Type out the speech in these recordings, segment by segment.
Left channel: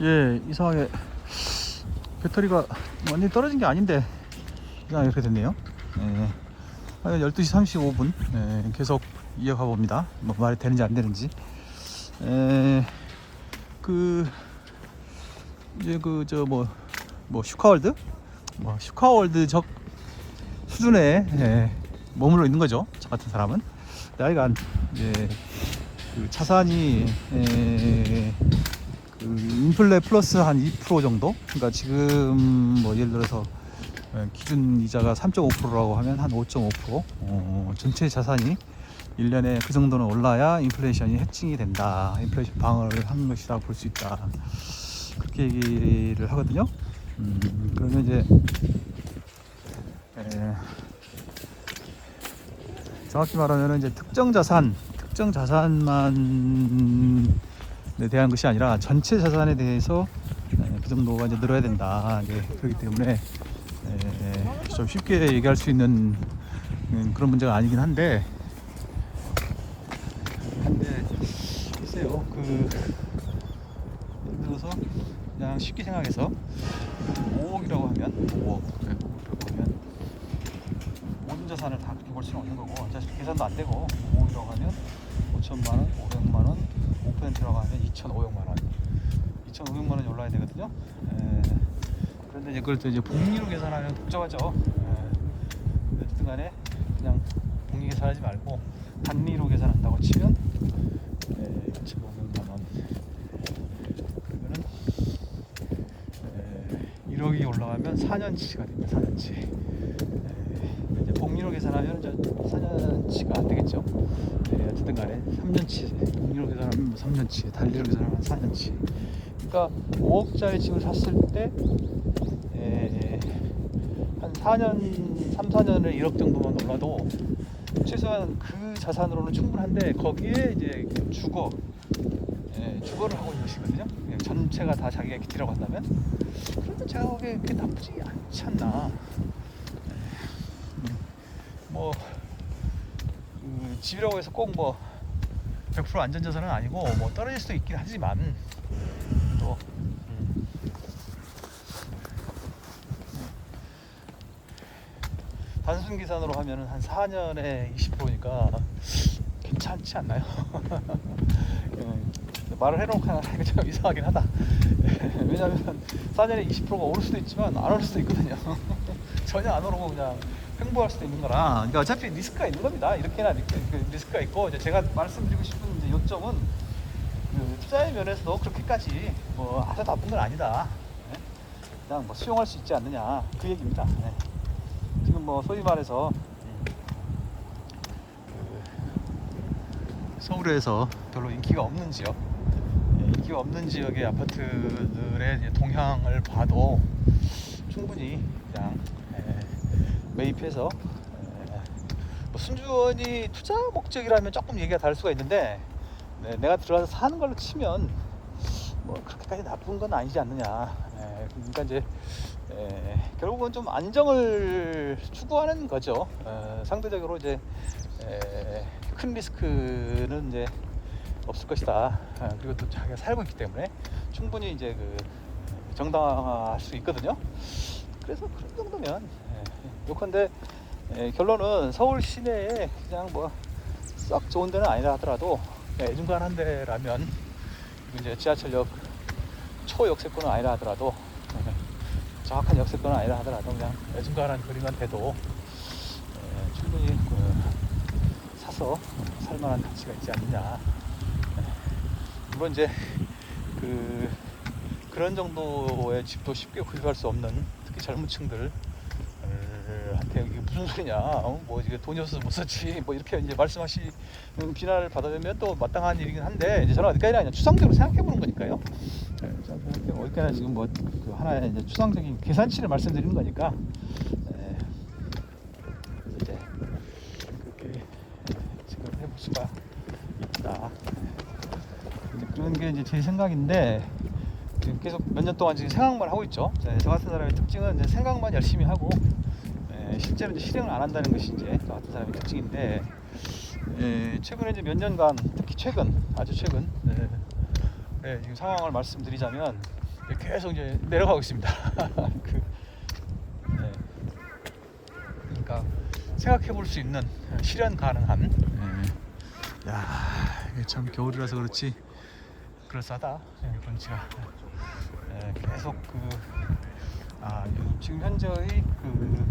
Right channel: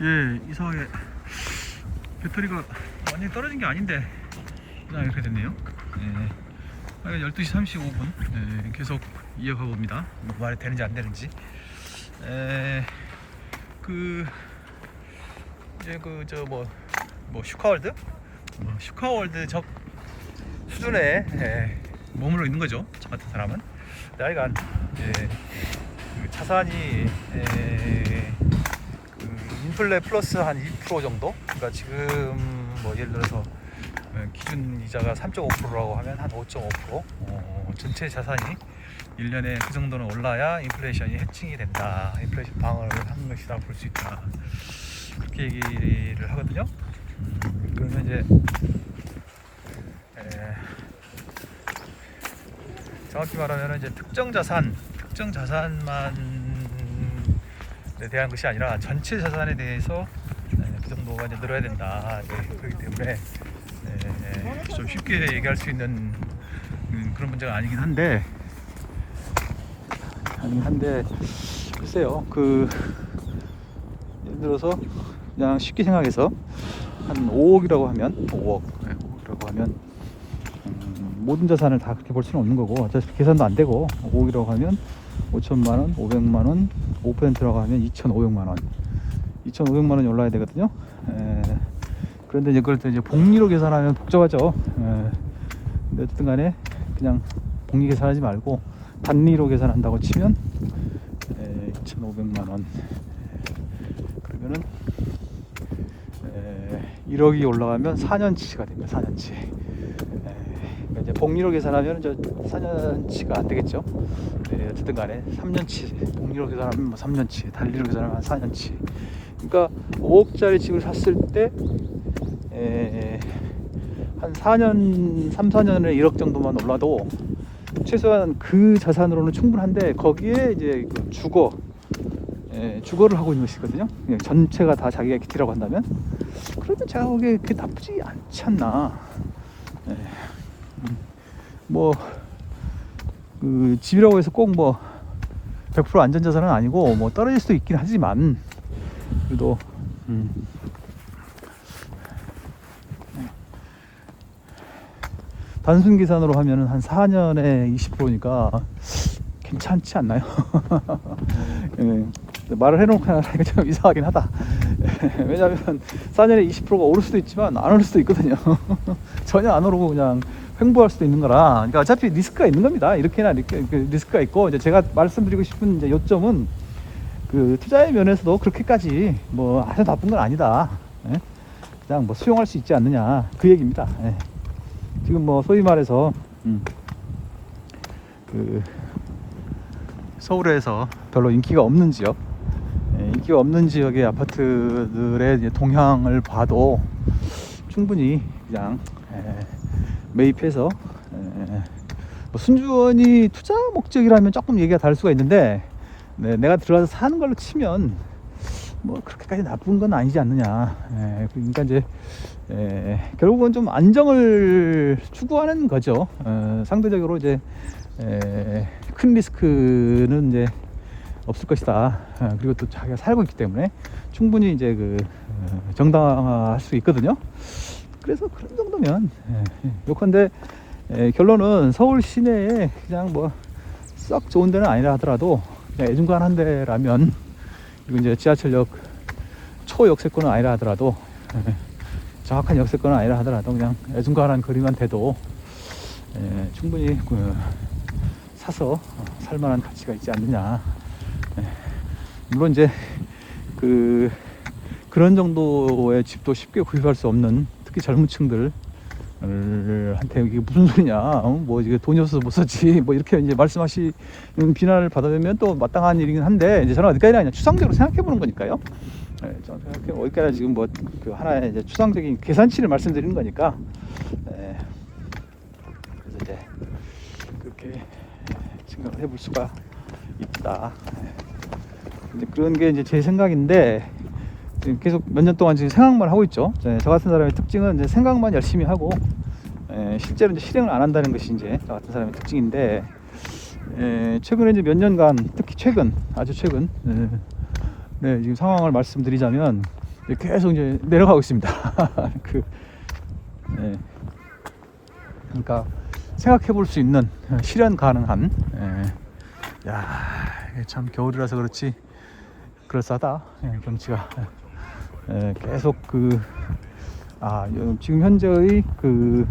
예, 이상하게 배터리가 완전히 떨어진 게 아닌데 그냥 이렇게 됐네요. 예, 12시 35분 예, 계속 이어가 봅니다. 뭐 말이 되는지 안 되는지. 예, 그 이제 그 저 뭐 슈카월드 슈카월드적 수준에 머물러 있는 거죠. 저 같은 사람은 하여간 그 차산이 그 인플레 플러스 한 2% 정도. 그러니까 지금 뭐 예를 들어서 기준 이자가 3.5%라고 하면 한 5.5%. 전체 자산이 1년에 그 정도는 올라야 인플레이션이 해칭이 된다. 인플레이션 방어를 한 것이라 볼 수 있다. 그렇게 얘기를 하거든요. 그래서 이제 정확히 말하면 이제 특정 자산만 대한 것이 아니라 전체 자산에 대해서 그 정도가 이제 늘어야 된다. 그렇기 때문에 좀 쉽게 얘기할 수 있는 그런 문제가 아니긴 한데 글쎄요. 그 예를 들어서 그냥 쉽게 생각해서 한 5억이라고 하면 5억이라고 하면 모든 자산을 다 그렇게 볼 수는 없는 거고 어차피 계산도 안 되고 5억이라고 하면 5천만 원, 500만 원, 5%라고 하면 2,500만 원. 2,500만 원이 올라야 되거든요. 그런데 이제 그걸 또 이제 복리로 계산하면 복잡하죠. 어쨌든 간에 그냥 복리 계산하지 말고 단리로 계산한다고 치면 2,500만 원. 그러면은 1억이 올라가면 4년치가 됩니다. 4년치. 이제 복리로 계산하면 저 4년치가 안 되겠죠. 어쨌든 간에 3년치. 복리로 계산하면 뭐 3년치, 단리로 계산하면 4년치. 그러니까 5억짜리 집을 샀을 때 한 4년, 3, 4년에 1억 정도만 올라도 최소한 그 자산으로는 충분한데 거기에 이제 그 주거를 하고 있는 것이거든요. 전체가 다 자기가 기티라고 한다면 그래도 제가 보기에 그게 나쁘지 않지 않나. 그 집이라고 해서 꼭 뭐 100% 안전자산은 아니고 뭐 떨어질 수도 있긴 하지만 그래도 단순 계산으로 하면은 한 4년에 20%니까 괜찮지 않나요? 말을 해놓고 하니까 좀 이상하긴 하다. 왜냐면 4년에 20%가 오를 수도 있지만 안 오를 수도 있거든요. 전혀 안 오르고 그냥 횡보할 수도 있는 거라. 그러니까 어차피 리스크가 있는 겁니다. 이렇게나 리스크가 있고, 이제 제가 말씀드리고 싶은 이제 요점은 그 투자의 면에서도 그렇게까지 뭐 아주 나쁜 건 아니다. 그냥 뭐 수용할 수 있지 않느냐 그 얘기입니다. 지금 뭐 소위 말해서 그 서울에서 별로 인기가 없는 지역, 인기가 없는 지역의 아파트들의 이제 동향을 봐도 충분히 그냥 매입해서 뭐 순전히 투자 목적이라면 조금 얘기가 다를 수가 있는데 내가 들어가서 사는 걸로 치면 뭐 그렇게까지 나쁜 건 아니지 않느냐. 그러니까 이제 결국은 좀 안정을 추구하는 거죠. 상대적으로 이제 큰 리스크는 이제 없을 것이다. 그리고 또 자기가 살고 있기 때문에 충분히 이제 그 정당화할 수 있거든요. 그래서 그런 정도면 요컨대 결론은 서울 시내에 그냥 뭐 썩 좋은 데는 아니라 하더라도 애중간한 데라면, 그리고 이제 지하철역 초역세권은 아니라 하더라도 정확한 역세권은 아니라 하더라도 그냥 애중간한 거리만 돼도 충분히 사서 살만한 가치가 있지 않느냐. 물론 이제 그런 정도의 집도 쉽게 구입할 수 없는 특히 젊은 층들 한테 이게 무슨 소리냐, 뭐 이게 돈이 없어서 못 썼지, 뭐 이렇게 이제 말씀하시는 비난을 받아들면 또 마땅한 일이긴 한데, 이제 저는 어디까지나 그냥 추상적으로 생각해 보는 거니까요. 어디까지나 지금 뭐 그 하나의 이제 추상적인 계산치를 말씀드리는 거니까. 이제 그렇게 생각을 해볼 수가 있다. 이제 그런 게 이제 제 생각인데, 지금 계속 몇 년 동안 지금 생각만 하고 있죠. 저 같은 사람의 특징은 이제 생각만 열심히 하고 실제로 이제 실행을 안 한다는 것이 이제 저 같은 사람의 특징인데, 최근에 이제 몇 년간, 특히 아주 최근 지금 상황을 말씀드리자면 계속 이제 내려가고 있습니다. 그, 예. 그러니까 생각해 볼 수 있는 실현 가능한. 예. 야, 이게 참 겨울이라서 그렇지 그럴싸하다. 예, 경치가. 예, 계속 그 지금 현재의 그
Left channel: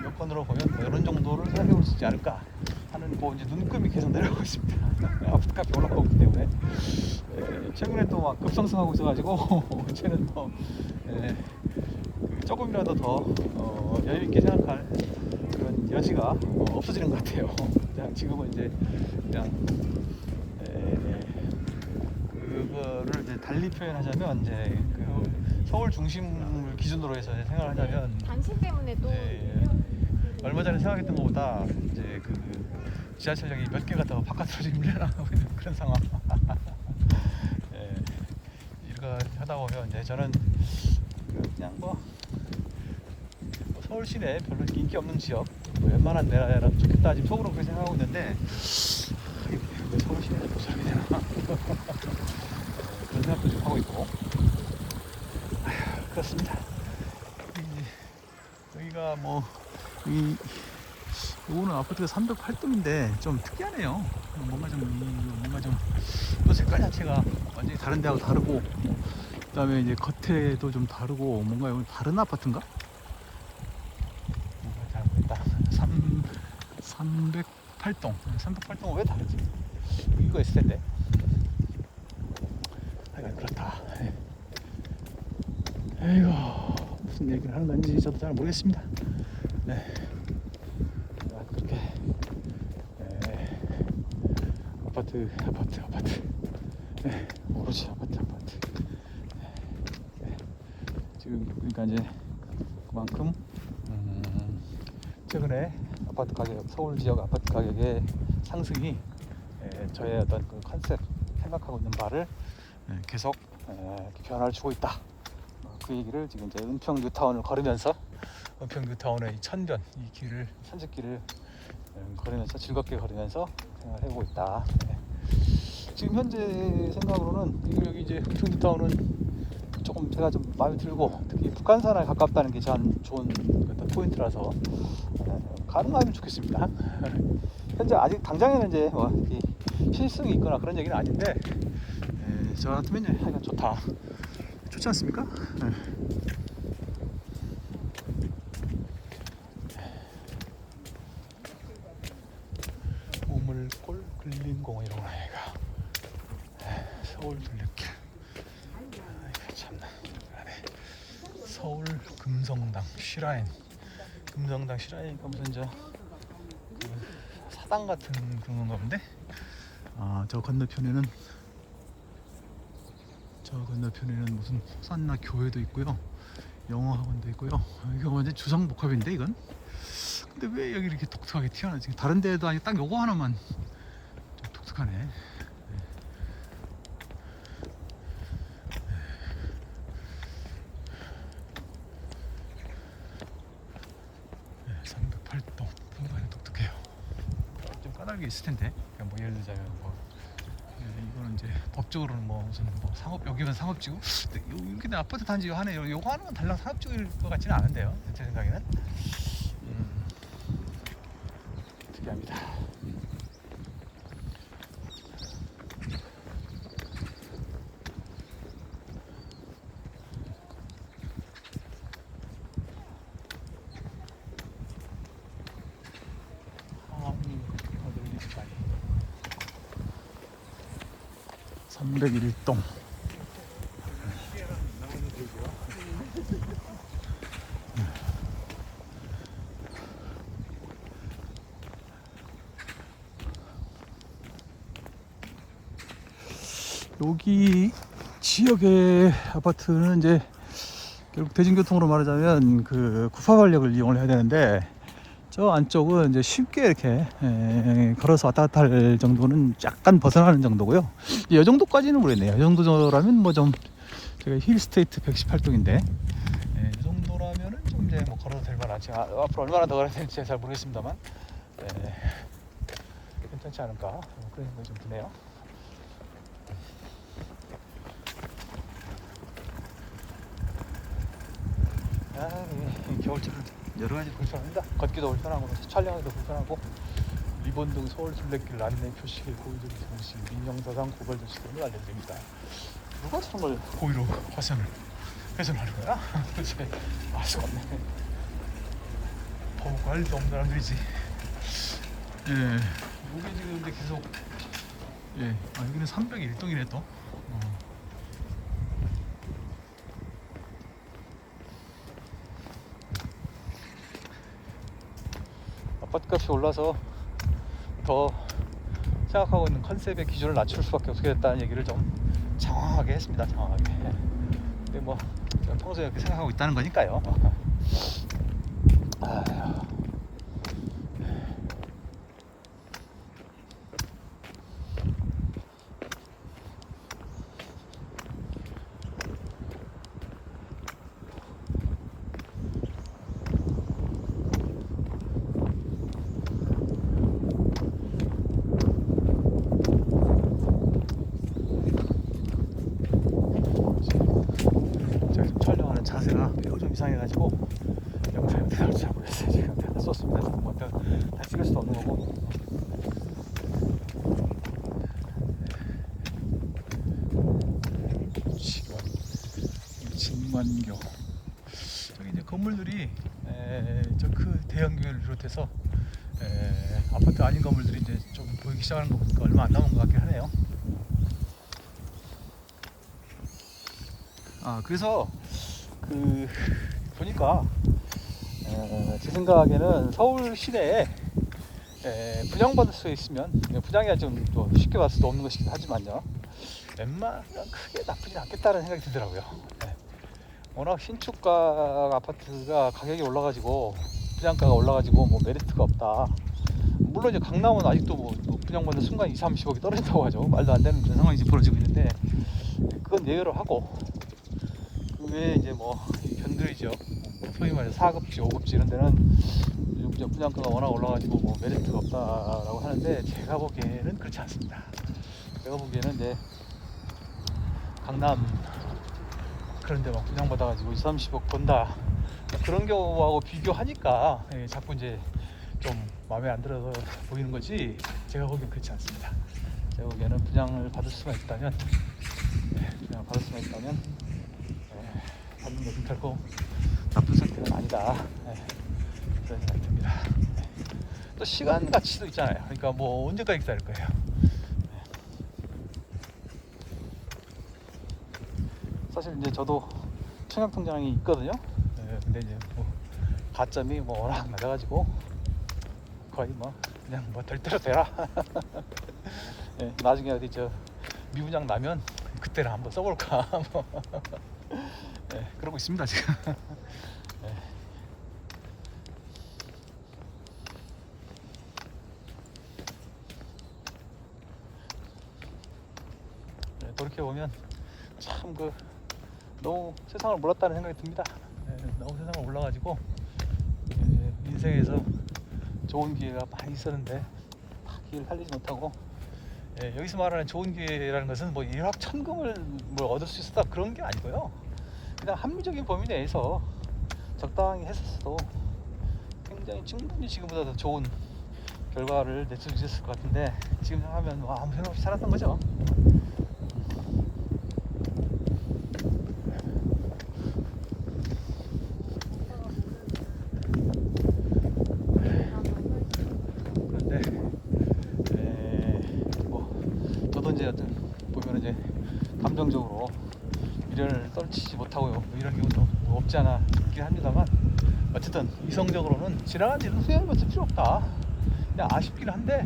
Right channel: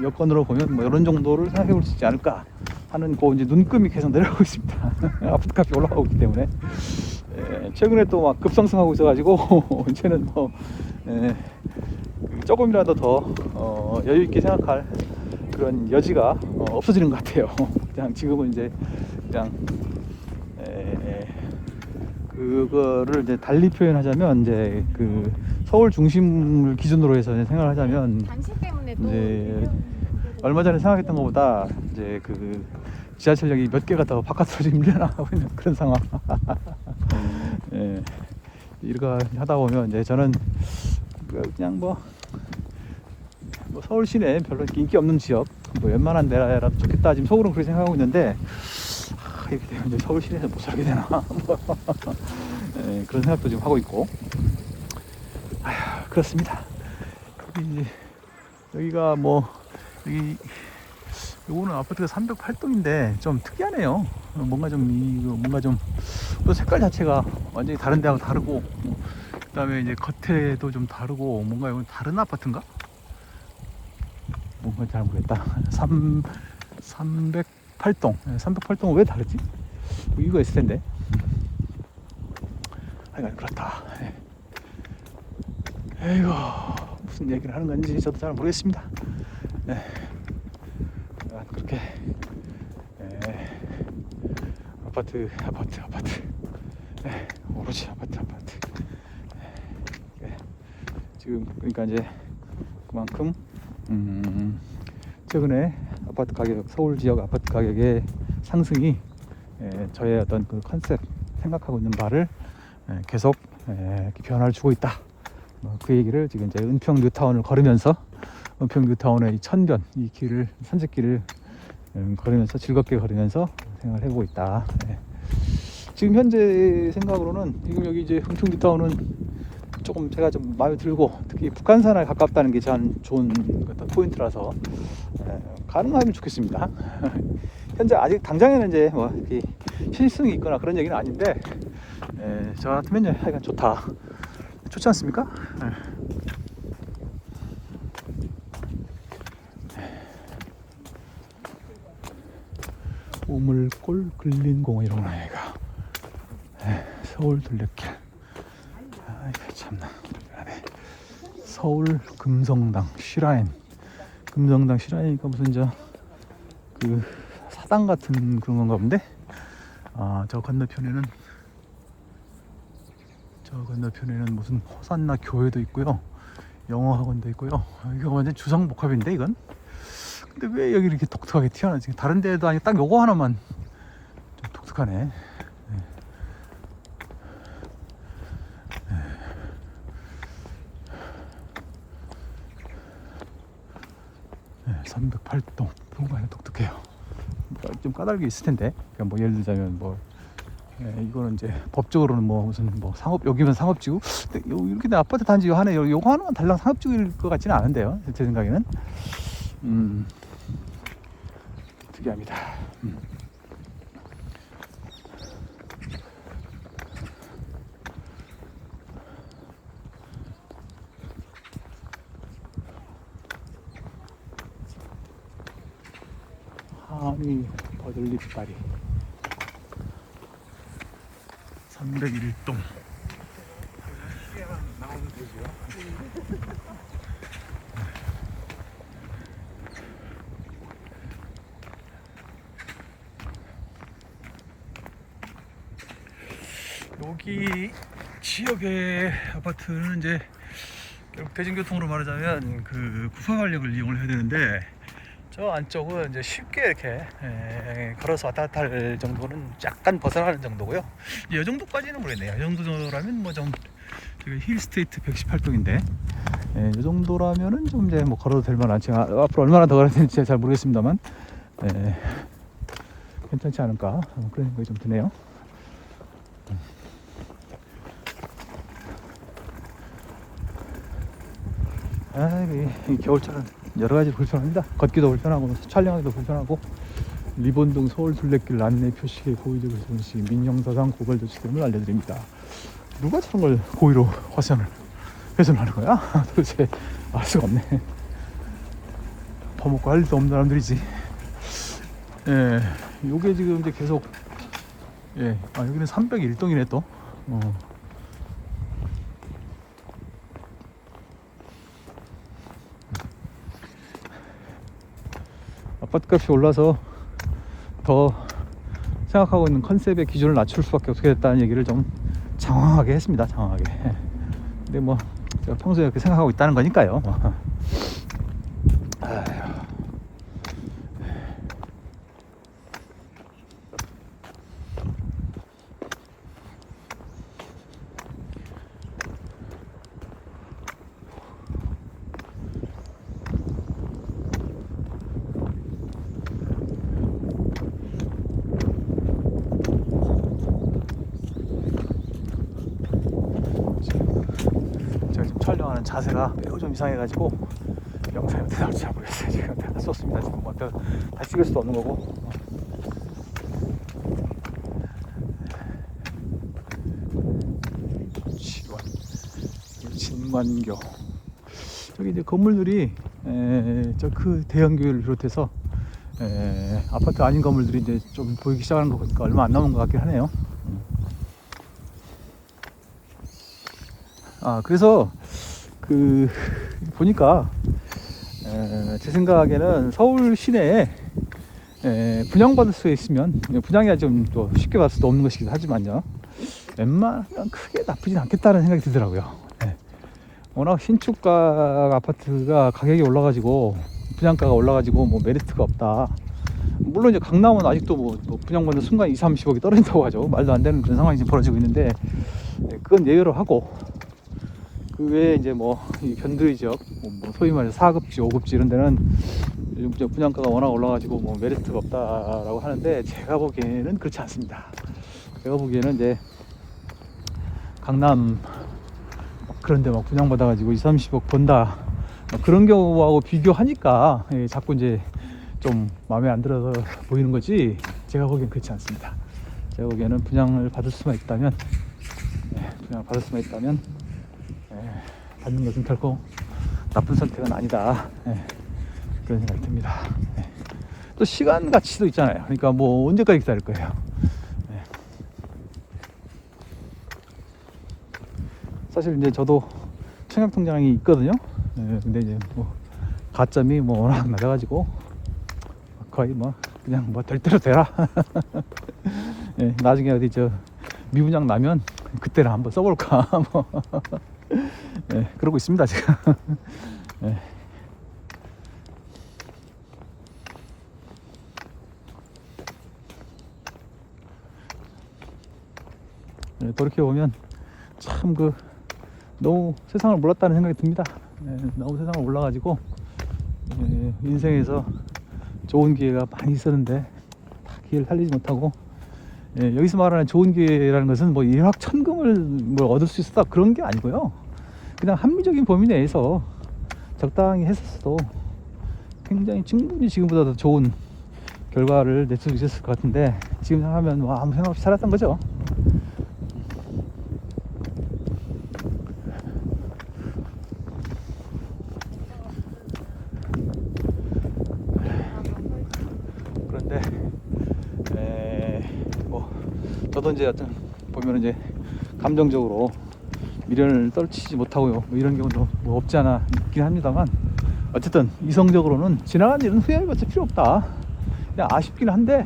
여건으로 보면 뭐 이런 정도를 생각해 볼 수 있지 않을까 하는 그 이제 눈금이 계속 내려가고 있습니다. 아파트값이 올라가고 있기 때문에. 최근에 또 막 급상승하고 있어가지고 이제는 뭐 조금이라도 더 여유 있게 생각할 그런 여지가 없어지는 것 같아요. 그냥 지금은 이제 그냥 그거를 이제 달리 표현하자면 이제 그 서울 중심을 기준으로 해서 생각을 하자면 이제 얼마 전에 생각했던 것보다 이제 그 지하철역이 몇 개가 더 바깥으로 지금 밀려나가고 있는 그런 상황. 예, 이렇게 하다 보면 이제 저는 그냥 뭐 서울 시내 별로 인기 없는 지역 뭐 웬만한 데라 좋겠다 지금 속으로 그렇게 생각하고 있는데 근데 서울 시내는 못 살게 되나. 예, 그런 생각도 좀 하고 있고. 그렇습니다. 여기가 뭐 요거는 아파트가 308동인데 좀 특이하네요. 뭔가 좀 또 색깔 자체가 완전히 다른 데하고 다르고, 그 다음에 이제 겉에도 좀 다르고, 뭔가 이건 다른 아파트인가? 뭔가 잘 모르겠다. 308동. 308동은 왜 다르지? 이유가 있을 텐데. 하여간 그렇다. 에이구, 무슨 얘기를 하는 건지 저도 잘 모르겠습니다. 네. 그렇게 아파트. 네. 오로지 아파트. 네. 지금 그러니까 이제 그만큼 최근에 아파트 가격, 서울 지역 아파트 가격의 상승이 저의 어떤 그 컨셉 생각하고 있는 바를 계속 변화를 주고 있다. 그 얘기를 지금 이제 은평 뉴타운을 걸으면서 은평 뉴타운의 천변 이 길을 산책길을 걸으면서 즐겁게 걸으면서 생각을 해보고 있다. 지금 현재 생각으로는 지금 여기 이제 은평 뉴타운은 조금 제가 좀 마음에 들고 특히 북한산에 가깝다는 게 참 좋은 포인트라서 가능하면 좋겠습니다. 현재 아직 당장에는 이제 뭐 이렇게 실승이 있거나 그런 얘기는 아닌데 저 같으면 하여간 좋다. 좋지 않습니까? 우물골 근린공원이라고 나이가 서울 둘레길. 참나. 서울 금성당 시라인. 금성당 시라인이니까 무슨 그 사당 같은 그런 건가 본데. 저 건너편에는 무슨 호산나 교회도 있고요, 영어 학원도 있고요. 이거 완전 주상복합인데 이건. 근데 왜 여기 이렇게 독특하게 튀어나오지? 다른 데도 아니고 딱 요거 하나만 좀 독특하네. 308동 뭔가 독특해요. 좀 까닭이 있을 텐데. 그러니까 뭐 예를 들자면 뭐 이거는 이제 법적으로는 뭐 무슨 뭐 상업, 여기는 상업지구. 이렇게 내 아파트 단지 하나 요거 하나만 달랑 상업지구일 것 같지는 않은데요. 제 생각에는. 특이합니다. 더 놀기까지 301동. 여기 지역의 아파트는 이제 대중교통으로 말하자면 그 구파발역을 이용을 해야 되는데, 저 안쪽은 이제 쉽게 이렇게 걸어서 왔다 갔다 할 정도는 약간 벗어나는 정도고요. 이 정도까지는 모르겠네요. 이 정도라면 뭐 좀 제가 힐스테이트 118동인데 이 정도라면은 좀 이제 뭐 걸어도 될 만하지. 앞으로 얼마나 더 걸어야 되는지 잘 모르겠습니다만 괜찮지 않을까 그런 생각이 좀 드네요. 이 겨울차는 여러 가지 불편합니다. 걷기도 불편하고 촬영하기도 불편하고 리본동 서울 순례길 안내 표시에 고의적으로 손실 민형사상 고발도 시점을 알려드립니다. 누가 저런 걸 고의로 화상을 훼손하는 거야? 도대체 알 수가 없네. 더 먹고 할 일도 없는 사람들이지. 예, 요게 지금 근데 계속 예, 아 여기는 301동이네 또. 아파트값이 올라서 더 생각하고 있는 컨셉의 기준을 낮출 수밖에 없게 됐다는 얘기를 좀 장황하게 했습니다. 장황하게. 근데 뭐 제가 평소에 그렇게 생각하고 있다는 거니까요. 촬영하는 자세가 매우 좀 이상해가지고 영상이 어떻게 나올지 잘 모르겠어요. 지금 다 썼습니다. 지금 뭐 다 찍을 수도 없는 거고. 진관교 저기 이제 건물들이 저 그 대형 교회를 비롯해서 아파트 아닌 건물들이 이제 좀 보이기 시작한 거 보니까 얼마 안 남은 것 같긴 하네요. 아 그래서 그 보니까 제 생각에는 서울 시내에 분양받을 수 있으면 분양이 좀 또 쉽게 받을 수도 없는 것이긴 하지만요, 웬만하면 크게 나쁘진 않겠다는 생각이 들더라고요. 워낙 신축가 아파트가 가격이 올라가지고 분양가가 올라가지고 뭐 메리트가 없다. 물론 이제 강남은 아직도 뭐 분양받는 순간 2, 30억이 떨어진다고 하죠. 말도 안 되는 그런 상황이 지금 벌어지고 있는데 그건 예외로 하고, 그 외에 이제 뭐 변두리 지역, 뭐 소위 말해서 4급지, 5급지 이런 데는 이제 분양가가 워낙 올라가지고 뭐 메리트가 없다라고 하는데, 제가 보기에는 그렇지 않습니다. 제가 보기에는 이제 강남 그런데 막 분양받아가지고 2, 30억 번다 그런 경우하고 비교하니까 자꾸 이제 좀 마음에 안 들어서 보이는 거지, 제가 보기엔 그렇지 않습니다. 제가 보기에는 분양을 받을 수만 있다면 받는 것은 결코 나쁜 선택은 아니다, 그런 생각이 듭니다. 또 시간 가치도 있잖아요. 그러니까 뭐 언제까지 기다릴 거예요. 사실 이제 저도 청약통장이 있거든요. 근데 이제 뭐 가점이 뭐 워낙 낮아가지고 거의 뭐 그냥 뭐 될 대로 되라. 나중에 어디 저 미분양 나면 그때는 한번 써볼까 뭐 그러고 있습니다 지금. 그렇게 보면 참 너무 세상을 몰랐다는 생각이 듭니다. 너무 세상을 몰라가지고 인생에서 좋은 기회가 많이 있었는데 기회를 살리지 못하고, 여기서 말하는 좋은 기회라는 것은 뭐 일확천금을 뭘 얻을 수 있었다 그런 게 아니고요. 그냥 합리적인 범위 내에서 적당히 했었어도 굉장히 충분히 지금보다 더 좋은 결과를 낼 수 있었을 것 같은데, 지금 생각하면 뭐 아무 생각 없이 살았던 거죠. 저도 이제 보면 이제 감정적으로 미련을 떨치지 못하고 뭐 이런 경우도 뭐 없지 않아 있긴 합니다만, 어쨌든 이성적으로는 지나간 일은 후회할 것도 필요 없다. 그냥 아쉽긴 한데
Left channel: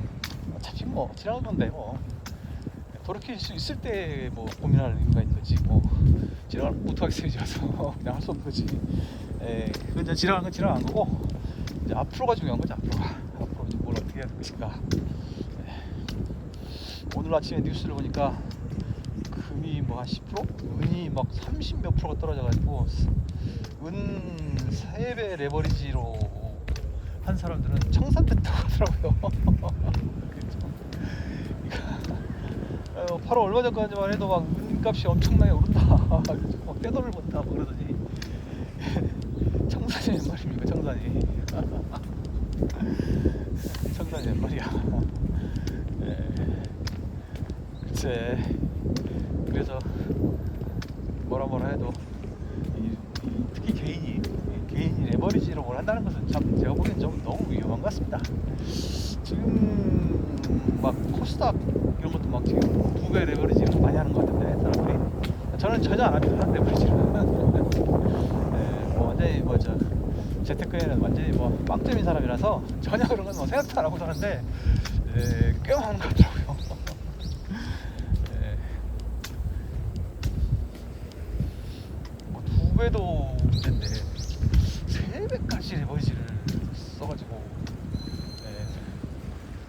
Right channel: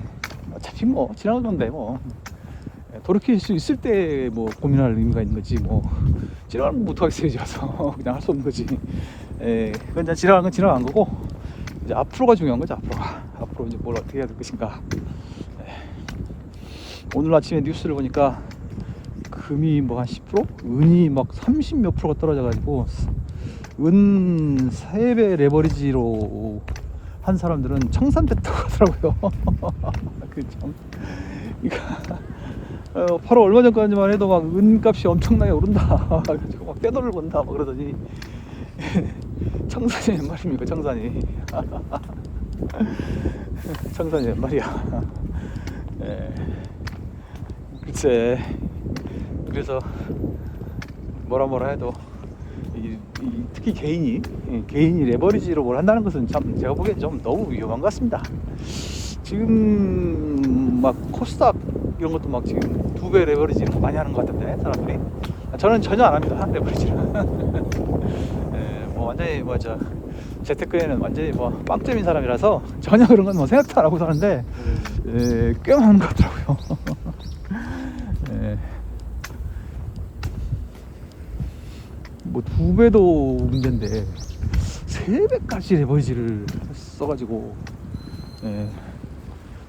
어차피 뭐 지나간 건데 뭐 돌이킬 수 있을 때 뭐 고민할 의미가 있는 거지, 뭐 지나가면 못하겠어요. 이제 와서 그냥 할 수 없는 거지. 그건 이제 지나간 건 지나간 거고, 이제 앞으로가 중요한 거죠. 앞으로 이제 뭘 어떻게 해야 될 것인가. 오늘 아침에 뉴스를 보니까 금이 뭐 한 10%? 은이 막 30 몇 프로가 떨어져가지고, 은 3배 레버리지로 한 사람들은 청산됐다고 하더라고요. 바로 얼마 전까지만 해도 막 은값이 엄청나게 오른다. 그래가지고 막 떼돈을 번다 뭐 그러더니 청산이 몇 마리입니까? 청산이. 청산이 몇 마리야. 예. 글쎄, 그래서 뭐라 해도 특히 개인이 레버리지로 뭘 한다는 것은 참 제가 보기엔 좀 너무 위험한 것 같습니다. 지금 막 코스닥 이런 것도 막 지금 2배 레버리지 많이 하는 것 같은데 사람들이. 저는 전혀 안 합니다, 레버리지는. 뭐 완전히 뭐죠, 재테크에는 완전히 뭐 빵점인 사람이라서 전혀 그런 건 뭐 생각도 안 하고 사는데 꽤 많은 것 같더라고요. 뭐 2배도 문제인데 3배까지 레버리지를 써가지고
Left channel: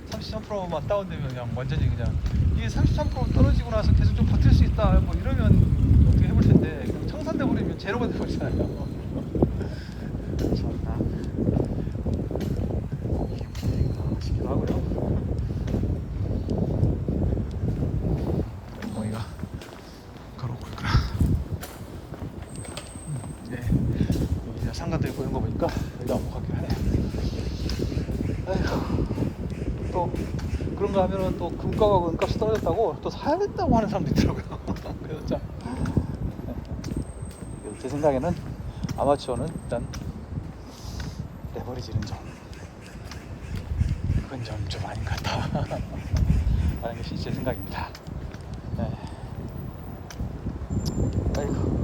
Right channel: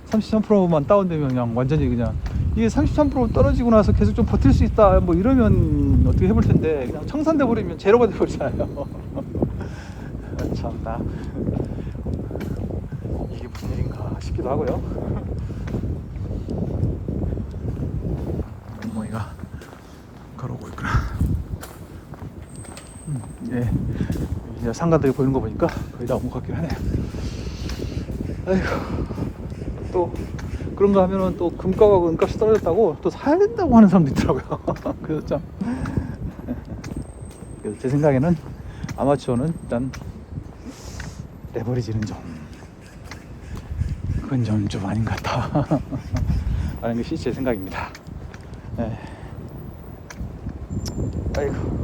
33%만 다운되면 그냥 완전히 그냥 이게 33% 떨어지고 나서 계속 좀 버틸 수 있다 뭐 이러면 어떻게 해볼 텐데 그냥 청산돼 버리면 제로가 돼 버리잖아요. 참나 이게 무슨 일인가 싶기도 하고요. 어머니가 걸어오고 있구나. 예, 상가들이 보이는 거 보니까 여기가 온 것 같긴 하네. 아이고, 또 그런 거 하면은 또 금가가 은값이 떨어졌다고 또 사야 된다고 하는 사람도 있더라고요. 그래서 참 제 생각에는 아마추어는 일단 레버리지는 그건 좀 아닌 것 같다. 라는 게 실제 생각입니다. 네. 아이고.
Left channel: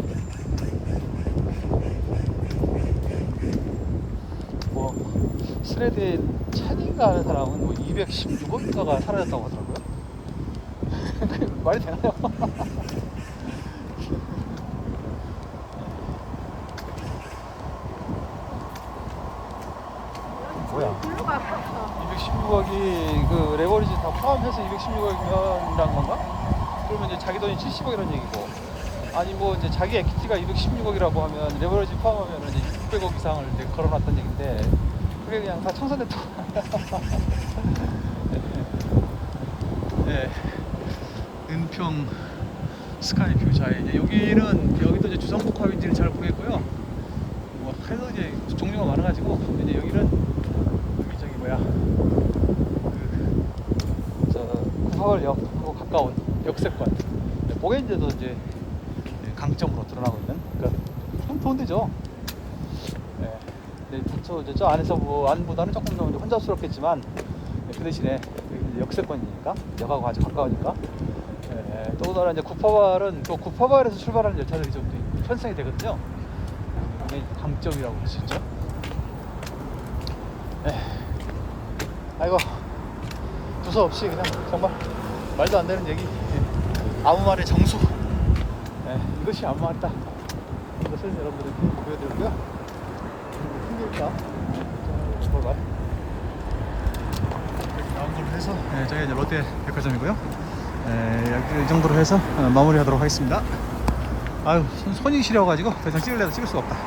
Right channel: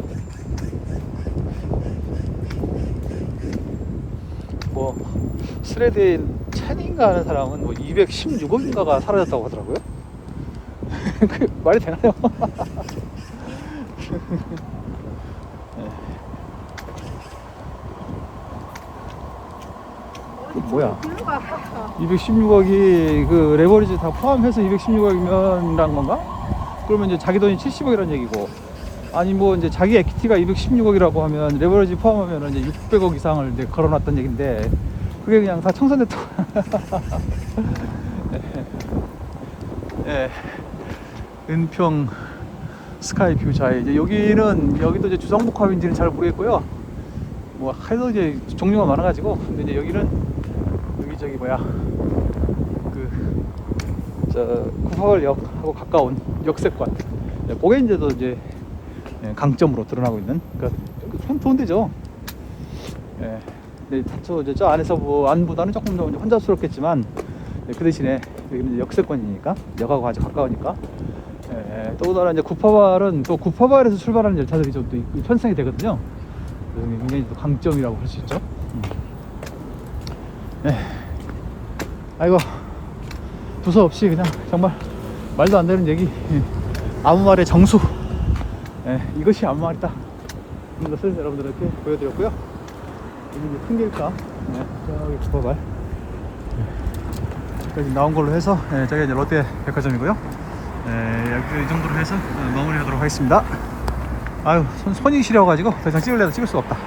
스레드에 찬인가 하는 사람은 뭐 216억인가가 사라졌다고 하더라고요. 그게 말이 되나요? 뭐야? 216억이 그 레버리지 다 포함해서 216억이면 라는 건가? 그러면 이제 자기 돈이 70억이라는 얘기고, 아니 뭐 이제 자기 에퀴티가 216억이라고 하면 레버리지 포함하면 이제 600억 이상을 이제 걸어놨던 얘긴데 그게 그냥 다 청산됐다고. 네. 은평 스카이뷰. 자, 이제 여기도 이제 주성복합인지는 잘 모르겠고요. 뭐 해서 이제 종류가 많아가지고 이제 여기는 여기 저기 뭐야 구파월역하고 가까운 역세권. 그게 이제도 이제 강점으로 드러나고 있는 참 좋은 데죠. 네, 저 안에서 뭐 안보다는 조금 더 혼잡스럽겠지만 그 대신에 여기는 역세권이니까 역하고 아주 가까우니까. 또 다른 이제 구파발은 또 구파발에서 출발하는 열차들이 좀 편성이 되거든요. 굉장히 강점이라고 할 수 있죠. 네. 아이고, 두서 없이 그냥 정말 말도 안 되는 얘기, 아무 말의 정수. 이것이 아무 말이다. 이것을 여러분들께 보여드렸고요. 풍경장 구파발 여기 나온 걸로 해서 저기 이제 롯데 백화점이고요. 여기 이 정도로 해서 마무리하도록 하겠습니다. 아유, 손이 시려가지고 더 이상 찍을 수가 없다.